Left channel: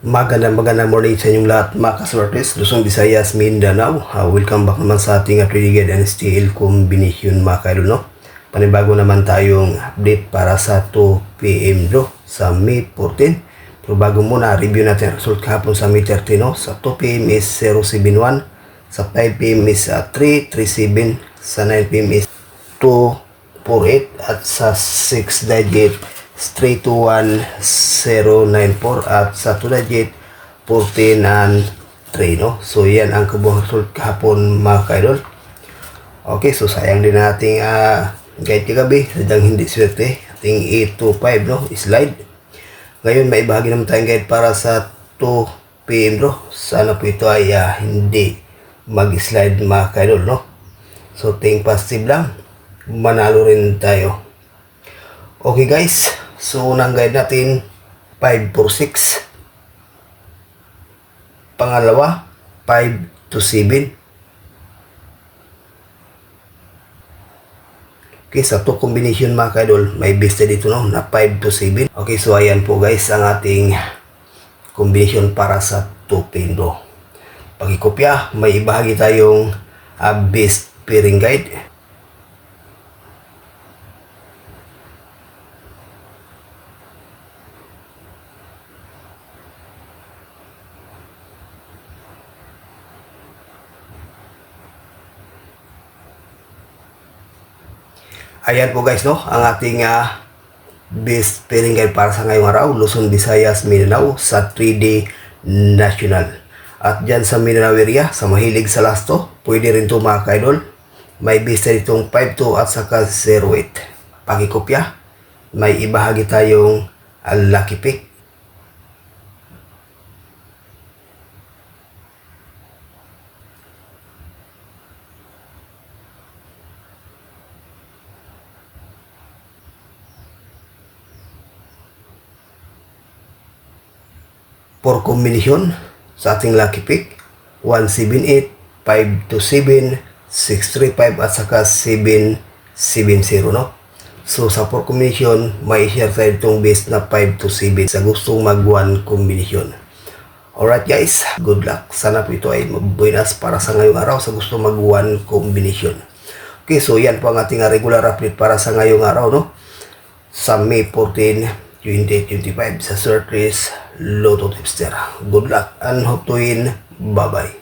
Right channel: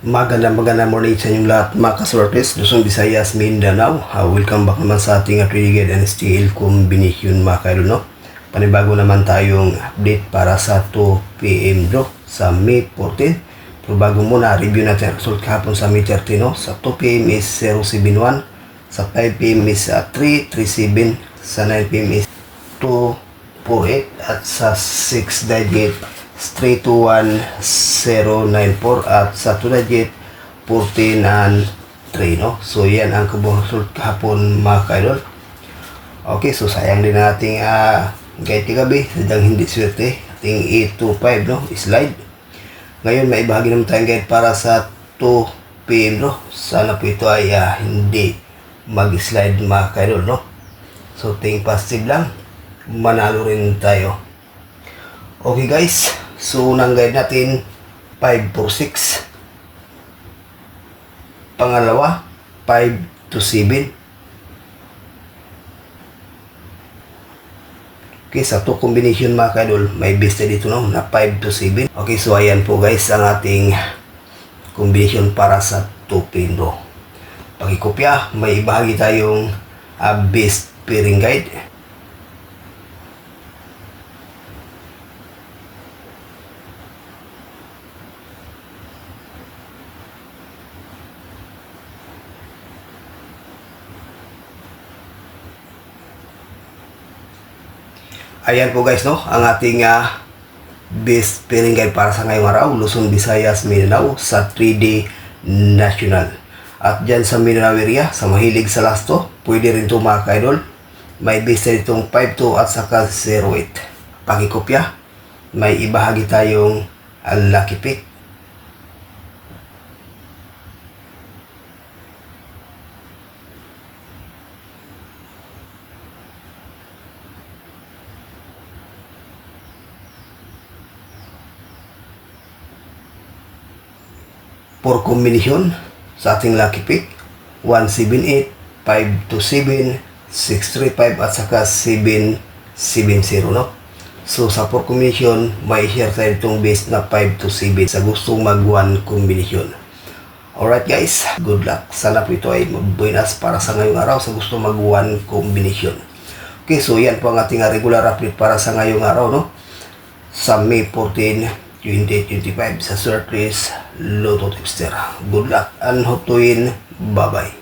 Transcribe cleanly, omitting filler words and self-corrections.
Magandang morning sa inyong lahat mga kasortes, Luzon, Visayas, Mindanao. Welcome back naman sa ating Trading Guide and STL Combination mga kaidol, no? Panibago naman tayong update para sa 2 PM draw sa May 14. Pero bago muna, review natin ang result kahapon sa May 13, no? Sa 2 PM is 071, sa 5 PM is 337, sa 9 PM is 248, at sa 6 digit 321094, at sa 2 digit 14 and 3, no? So yan ang kabuang result kahapon mga kaidol. Okay, so sayang din nating guide kagabi, sadyang hindi swerte ating 825, no? Slide. Ngayon may bahagi naman tayong guide para sa 2 PM, no? Sana po ito ay hindi mag-slide mga kaidol, no? So think positive lang, manalo rin tayo. Okay guys, so unang guide natin 546, pangalawa 5 to 7. Okay, sa 2 combination mga kaidol, may besta dito, no, na 5 to 7. Okay, so ayan po guys ang ating combination para sa 2 pin draw. Pakikopya, may ibahagi tayong best pairing guide. Ayan po guys, no, ang ating best pairing guide para sa ngayong araw, Luzon, Visayas, Mindanao sa 3D National. At dyan sa Mindanao area, sa mahilig sa lasto, pwede rin ito mga kaidol. May best ditong 5-2 at saka 0-8. Pakikopya, may ibahagi tayong lucky pick. For combination sa ating lucky pick, 178, 5 to 7, 635 at saka 770, no? So sa for combination, may share tayo itong base na 5 to 7 sa gustong mag 1 combination. Alright guys, good luck. Sana po ito ay mabuenas para sa ngayong araw sa gustong mag 1 combination. Okay, so yan po ang ating regular update para sa ngayong araw, no? Sa May 14, 2025 sa Surface Lotto Tipster. Good luck and hope to win. Bye-bye.